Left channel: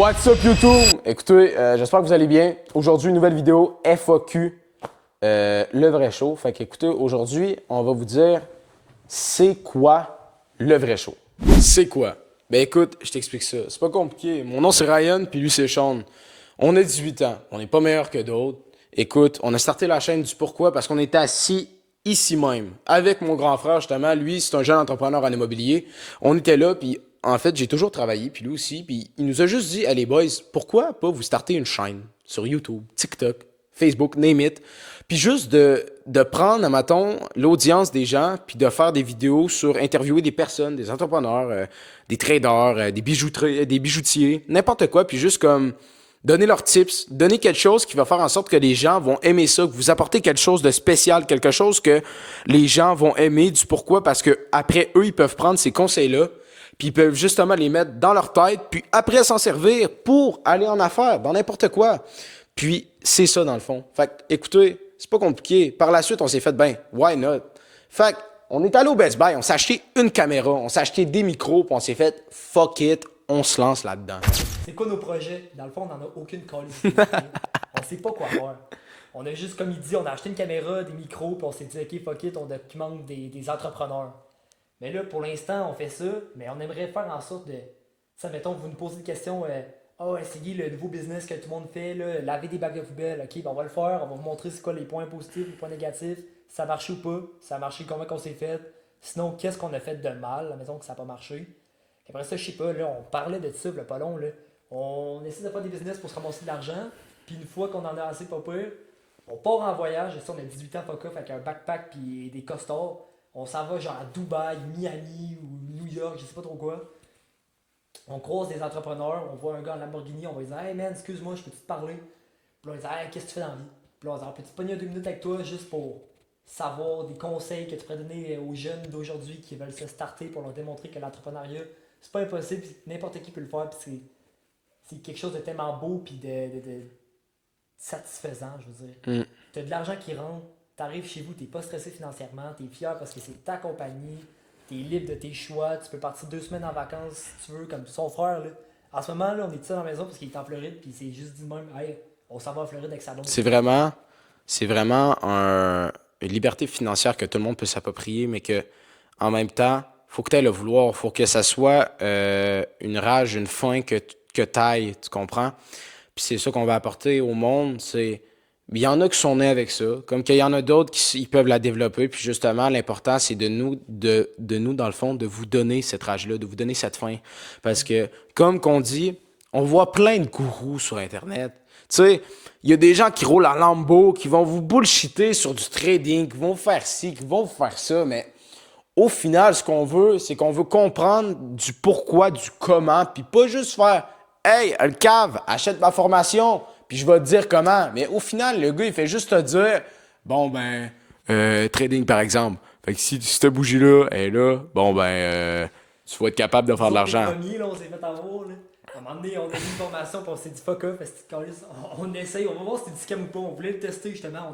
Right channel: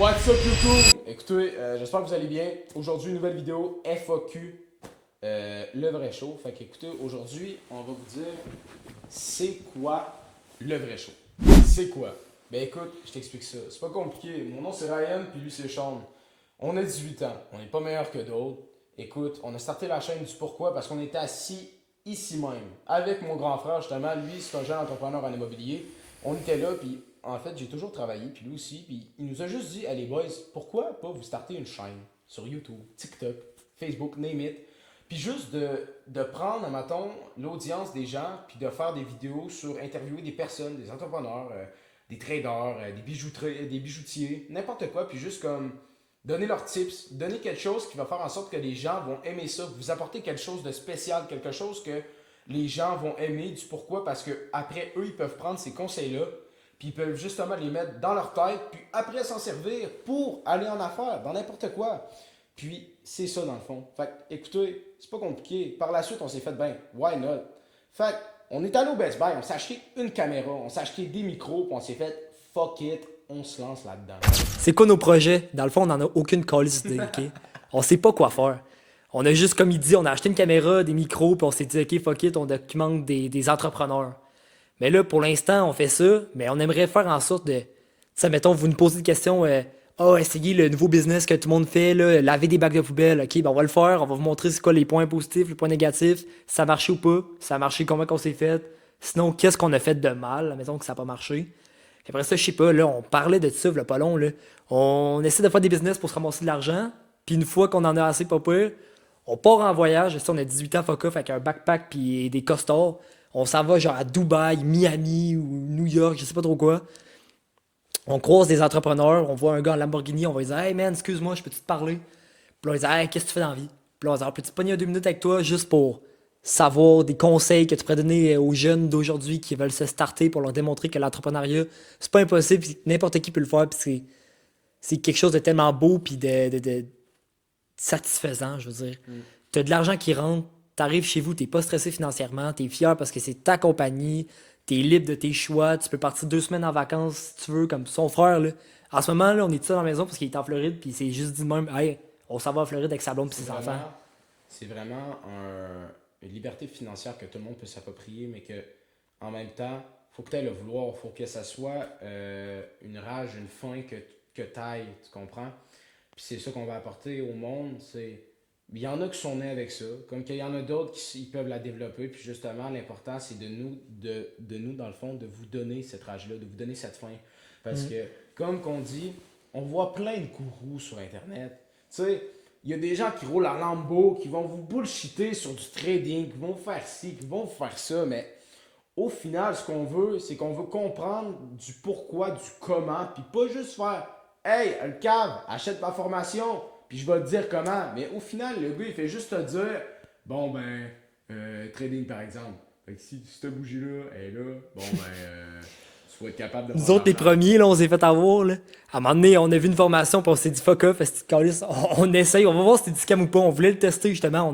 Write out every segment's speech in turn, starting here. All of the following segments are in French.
What's up YouTube? Écoutez, j'espère que vous allez bien. Aujourd'hui, une nouvelle vidéo FAQ, le vrai show. Fait qu'écoutez, aujourd'hui, on va vous dire c'est quoi le vrai show. C'est quoi? Ben écoute, je t'explique ça. C'est pas compliqué. Mon nom c'est Ryan, puis lui c'est Sean. On a 18 ans. On n'est pas meilleur que d'autres. Écoute, on a starté la chaîne du pourquoi parce qu'on était assis ici même avec mon grand frère justement. Lui, c'est un jeune entrepreneur en immobilier. On était là, puis en fait, j'ai toujours travaillé, puis lui aussi. Puis il nous a juste dit, allez boys, pourquoi pas vous starter une chaîne sur YouTube, TikTok, Facebook, name it. Puis juste de prendre, mettons, l'audience des gens, puis de faire des vidéos sur interviewer des personnes, des entrepreneurs, des traders, des bijoutiers, n'importe quoi, puis juste comme donner leurs tips, donner quelque chose qui va faire en sorte que les gens vont aimer ça, que vous apportez quelque chose de spécial, quelque chose que les gens vont aimer, du pourquoi, parce que après eux, ils peuvent prendre ces conseils-là, puis ils peuvent justement les mettre dans leur tête, puis après s'en servir pour aller en affaires, dans n'importe quoi. Puis c'est ça dans le fond. Fait que, écoutez, c'est pas compliqué. Par la suite, on s'est fait, ben, why not? Fait on est allé au Best Buy, on s'est acheté une caméra, on s'est acheté des micros, puis on s'est fait, fuck it, on se lance là-dedans. C'est quoi nos projets? Dans le fond, on n'en a aucune calice idée, ok? On sait pas quoi faire. On a juste, comme il dit, on a acheté une caméra, des micros, puis on s'est dit, ok, fuck it, on documente des entrepreneurs. Mais là, pour l'instant, on fait ça, mais on aimerait faire en sorte de... Tu sais, mettons, vous nous posez une question, essayez le nouveau business que tout le monde fait, là, laver des bacs de poubelle, ok, ben on va le faire, on va vous montrer c'est quoi les points positifs, les points négatifs, si ça a marché ou pas, si ça a marché, comment qu'on s'est fait, sinon, qu'est-ce qu'on a fait de mal, mettons que ça n'a pas marché. Puis après ça, je sais pas, là, on parlait de ça, là, pas long, là. On essaie de faire des business pour se ramasser de l'argent, puis une fois qu'on en a assez pas pire, on part en voyage, on a 18 ans fuck off avec un backpack puis des costards, on s'en va genre à Dubaï, Miami ou New York, je sais pas trop quoi. On croise des entrepreneurs, on voit un gars en Lamborghini, on va lui dire hey man, excuse-moi, je peux-tu te parler? Puis là, on va dire hey, qu'est-ce que tu fais dans la vie? Puis là, on va dire peux-tu te pogner 2 minutes avec toi juste pour savoir des conseils que tu pourrais donner aux jeunes d'aujourd'hui qui veulent se starter pour leur démontrer que l'entrepreneuriat, c'est pas impossible, puis n'importe qui peut le faire, puis c'est quelque chose de tellement beau puis de satisfaisant, je veux dire. T'as de l'argent qui rentre, t'arrives chez vous, t'es pas stressé financièrement, t'es fier parce que c'est ta compagnie, t'es libre de tes choix, tu peux partir 2 semaines en vacances si tu veux, comme son frère, là. En ce moment, là, on est tout seul dans la maison parce qu'il est en Floride, puis c'est juste dit de même, hey, on s'en va en Floride avec sa blonde. C'est vraiment une liberté financière que tout le monde peut s'approprier, mais que en même temps, faut que tu aies le vouloir, faut que ça soit une rage, une faim que tu ailles, tu comprends? Puis c'est ça qu'on va apporter au monde, c'est... Il y en a qui sont nés avec ça, comme qu'il y en a d'autres qui ils peuvent la développer, puis justement, l'important, c'est de nous, dans le fond, de vous donner cette rage-là, de vous donner cette faim. Parce que, comme qu'on dit, on voit plein de gourous sur Internet. Tu sais, il y a des gens qui roulent en Lambo, qui vont vous bullshiter sur du trading, qui vont faire ci, qui vont faire ça, mais au final, ce qu'on veut, c'est qu'on veut comprendre du pourquoi, du comment, puis pas juste faire « Hey, le cave, achète ma formation, puis je vais te dire comment. » Mais au final, le gars, il fait juste te dire « Bon, ben, trading par exemple. Fait que si cette bougie-là est là, bon, ben, tu vas être capable de faire Nous de autres, les l'argent. » premiers, là, on s'est fait avoir, là. À un moment donné, on a vu une formation, puis on s'est dit fuck off, on essaye, on va voir si c'est du scam ou pas. On voulait le tester, justement.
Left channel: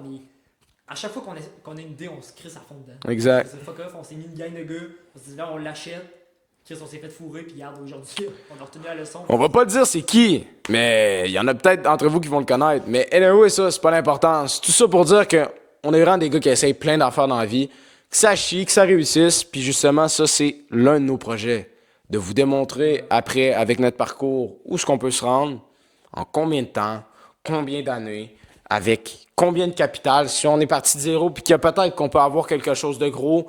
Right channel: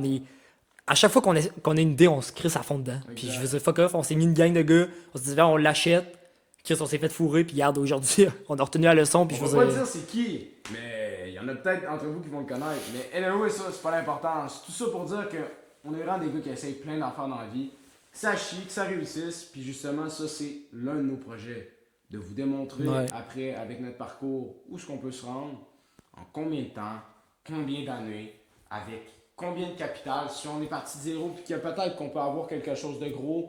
À chaque fois qu'on a une idée, on se crisse à fond dedans. Exact. Je faisais fuck off, on s'est mis une gang de gars, on s'est dit, on l'achète. Chris, on s'est fait fourrer, puis regarde, aujourd'hui, on a retenu la leçon. On va pas dire c'est qui, mais il y en a peut-être d'entre vous qui vont le connaître. Mais anyway, ça, c'est pas l'importance. Tout ça pour dire que on est vraiment des gars qui essayent plein d'affaires dans la vie, que ça chie, que ça réussisse, puis justement, ça, c'est l'un de nos projets. De vous démontrer après, avec notre parcours, où est-ce qu'on peut se rendre, en combien de temps, combien d'années, avec combien de capital, si on est parti de zéro, puis qu'il y a peut-être qu'on peut avoir quelque chose de gros,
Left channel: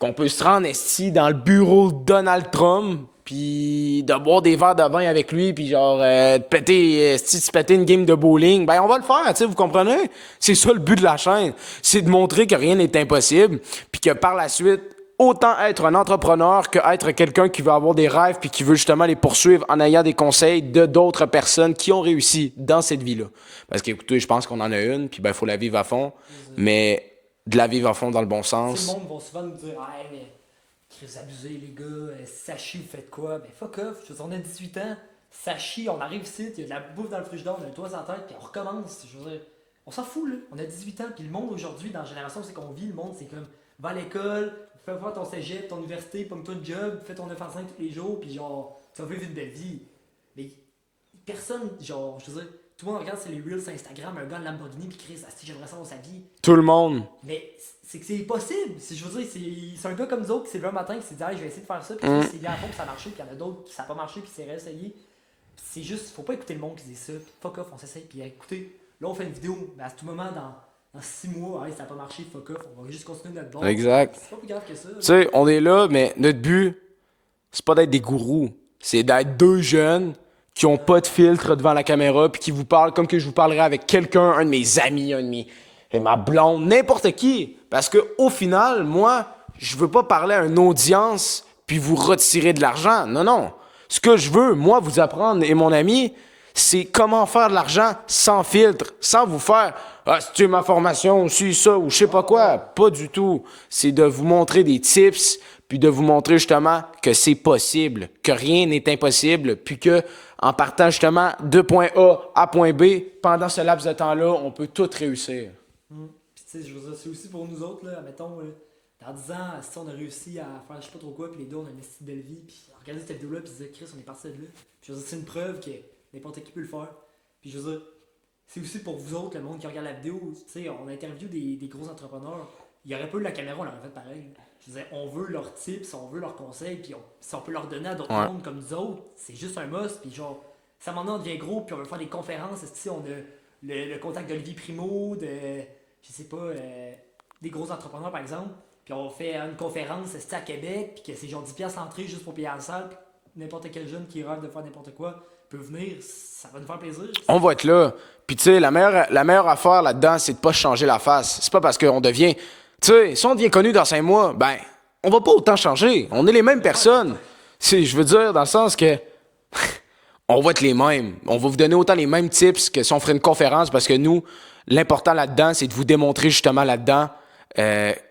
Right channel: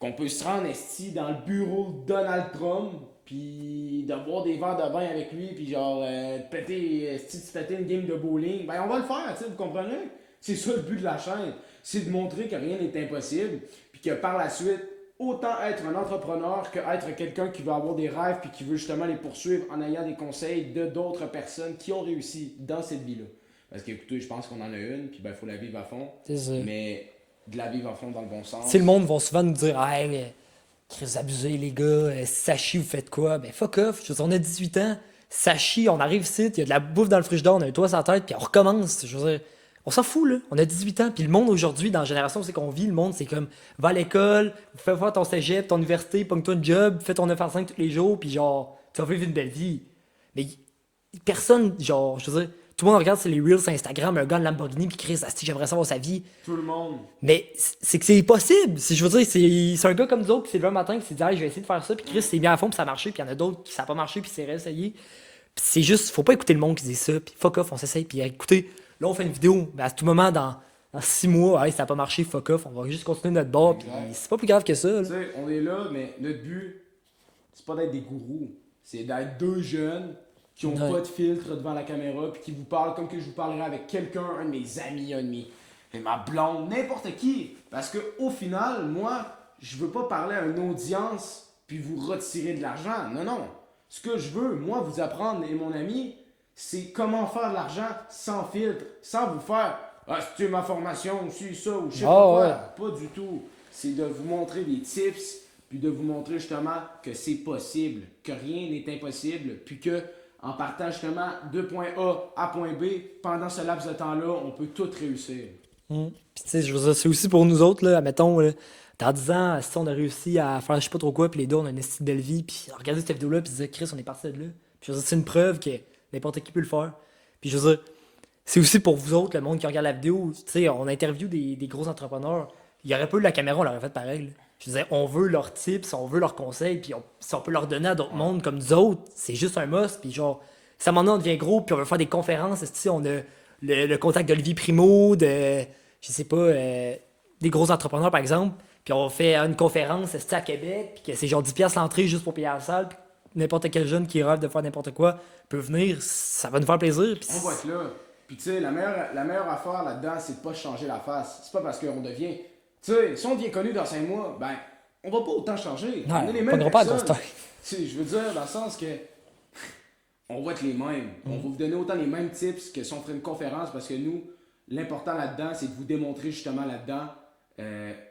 qu'on peut se rendre ici dans le bureau de Donald Trump, puis de boire des verres de vin avec lui, puis genre de péter une game de bowling, ben on va le faire, tu sais, vous comprenez? C'est ça le but de la chaîne, c'est de montrer que rien n'est impossible, puis que par la suite, autant être un entrepreneur que être quelqu'un qui veut avoir des rêves puis qui veut justement les poursuivre en ayant des conseils de d'autres personnes qui ont réussi dans cette vie-là. Parce qu'écoutez, je pense qu'on en a une, puis ben faut la vivre à fond, mais de la vivre à fond dans le bon sens. Tu sais, le monde va souvent nous dire hey, Chris, abusé, les gars, ça chie, vous faites quoi? Ben fuck off, je veux dire, on a 18 ans, ça chie, on arrive ici, il y a de la bouffe dans le frigidaire, on a un toit sur la tête, puis on recommence. Je veux dire, on s'en fout, là. On a 18 ans. Puis le monde aujourd'hui, dans la génération, c'est qu'on vit. Le monde, c'est comme, va à l'école, fais faire ton cégep, ton université, pogne-toi un job, fais ton 9 à 5 tous les jours, puis genre, tu vas vivre une belle vie. Mais personne, genre, je veux dire, tout le monde regarde sur les Reels Instagram, un gars de Lamborghini, puis Chris, asti, j'aimerais savoir sa vie. Tout le monde. Mais c'est que c'est possible. Je veux dire, c'est un gars comme nous autres qui s'est levé un matin qui s'est dit, hey, je vais essayer de faire ça, puis Chris, c'est bien à fond, puis ça a marché, puis il y en a d'autres qui ça n'a pas marché, puis c'est réessayé. Puis c'est juste, faut pas écouter le monde qui dit ça, puis fuck off, on s'essaye, puis écoutez, là, on fait une vidéo, ben, à tout moment, dans 6 mois, hey, ça n'a pas marché, fuck off, on va juste continuer notre bord. Exact. C'est pas plus grave que ça. Tu sais, on est là, mais notre but, c'est pas d'être des gourous. C'est d'être deux jeunes qui ont pas de filtre devant la caméra puis qui vous parlent comme que je vous parlerais avec quelqu'un, un de mes amis, ma blonde, n'importe qui. Parce que au final, moi, je veux pas parler à une audience puis vous retirer de l'argent. Non, non. Ce que je veux, moi, vous apprendre et mon ami, c'est comment faire de l'argent sans filtre, sans vous faire ah, si tu es ma formation, si ça ou je sais pas quoi. Ouais. Pas du tout. C'est de vous montrer des tips puis de vous montrer justement que c'est possible, que rien n'est impossible, puis que en partant justement de point A à point B, pendant ce laps de temps-là, on peut tout réussir. Puis tu sais, je veux dire, c'est aussi pour nous autres, là, admettons, là, dans 10 ans, si on a réussi à faire je sais pas trop quoi, puis les deux, on a une estime de belle vie, puis regarder cette vidéo-là, puis dire, Chris, on est parti de là. Puis je veux dire, c'est une preuve que n'importe qui peut le faire. Puis je veux dire, c'est aussi pour vous autres, le monde qui regarde la vidéo, tu sais, on interview des gros entrepreneurs. Il y aurait pas eu la caméra, on l'aurait fait pareil. Là. Je veux dire, on veut leurs tips, on veut leurs conseils, puis si on peut leur donner à d'autres mondes comme nous autres, c'est juste un must. Puis genre, si à un moment donné, on devient gros, puis on veut faire des conférences, si on a le contact d'Olivier Primo, je sais pas, des gros entrepreneurs par exemple, puis on fait une conférence à Québec, puis que c'est genre 10$ l'entrée juste pour payer la salle, puis n'importe quel jeune qui rêve de faire n'importe quoi peut venir, ça va nous faire plaisir. On va être là. Puis tu sais, la meilleure affaire là-dedans, c'est de pas changer la face. C'est pas parce qu'on devient... Tu sais, si on devient connu dans 5 mois, ben, on va pas autant changer. Non, on est les mêmes on est pas personnes. constant. Je veux dire, dans le sens que... on va être les mêmes. On va vous donner autant les mêmes tips que si on ferait une conférence, parce que nous, l'important là-dedans, c'est de vous démontrer justement là-dedans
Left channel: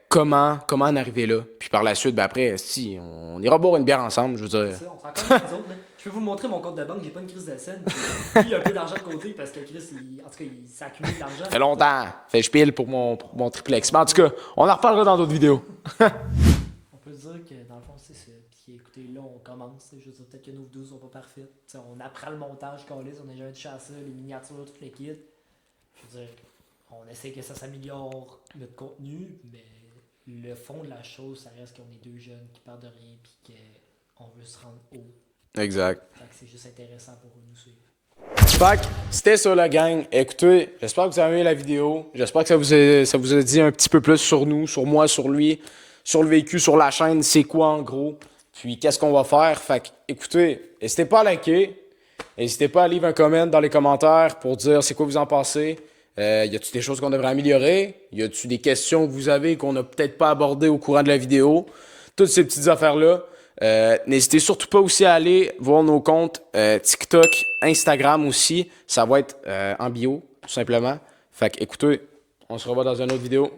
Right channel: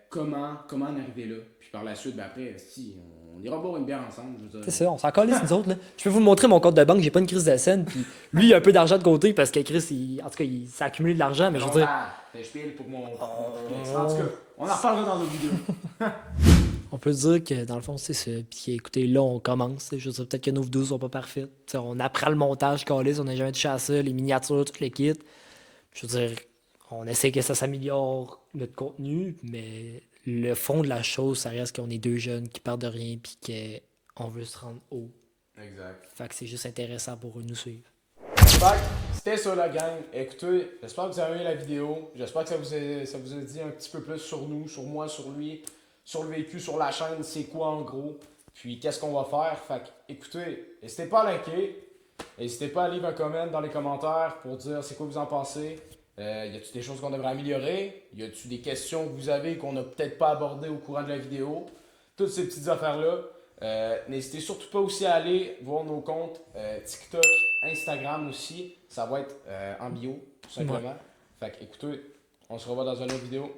comment en arriver là. Puis par la suite, ben après, si, on ira boire une bière ensemble, je veux dire. C'est ça, on s'en colle nous autres. Là. Je peux vous montrer mon compte de banque, j'ai pas une crise de scène. Puis lui, il a un peu d'argent de côté parce que Chris, en tout cas, il s'est accumulé de l'argent. Ça fait longtemps. Fait je pile pour mon triplex. Mais en tout cas, on en reparlera dans d'autres vidéos. On peut dire que dans le fond, c'est ça. Puis écoutez, là, on commence. Je veux dire, peut-être que nos vidéos sont pas parfaites. T'sais, on apprend le montage, câlisse, on n'a jamais touché à ça, les miniatures, tout le kit. Je veux dire, on essaie que ça s'améliore notre contenu, mais le fond de la chose, ça reste qu'on est deux jeunes qui partent de rien puis qu'on veut se rendre haut. Exact. Fait que c'est juste intéressant pour eux de nous suivre. Fait que c'était ça la gang. Écoutez, j'espère que vous avez aimé la vidéo. J'espère que ça vous a dit un petit peu plus sur nous, sur moi, sur lui, sur le véhicule, sur la chaîne, c'est quoi en gros. Puis qu'est-ce qu'on va faire. Fait que écoutez, n'hésitez pas à liker. N'hésitez pas à livrer un comment dans les commentaires pour dire c'est quoi vous en pensez. Y a-t-il des choses qu'on devrait améliorer? Y a-t-il des questions que vous avez qu'on n'a peut-être pas abordées au courant de la vidéo? Toutes ces petites affaires-là. N'hésitez surtout pas aussi à aller voir nos comptes TikTok, Instagram aussi. Ça va être en bio, tout simplement. Fait que écoutez, on se revoit dans une autre vidéo.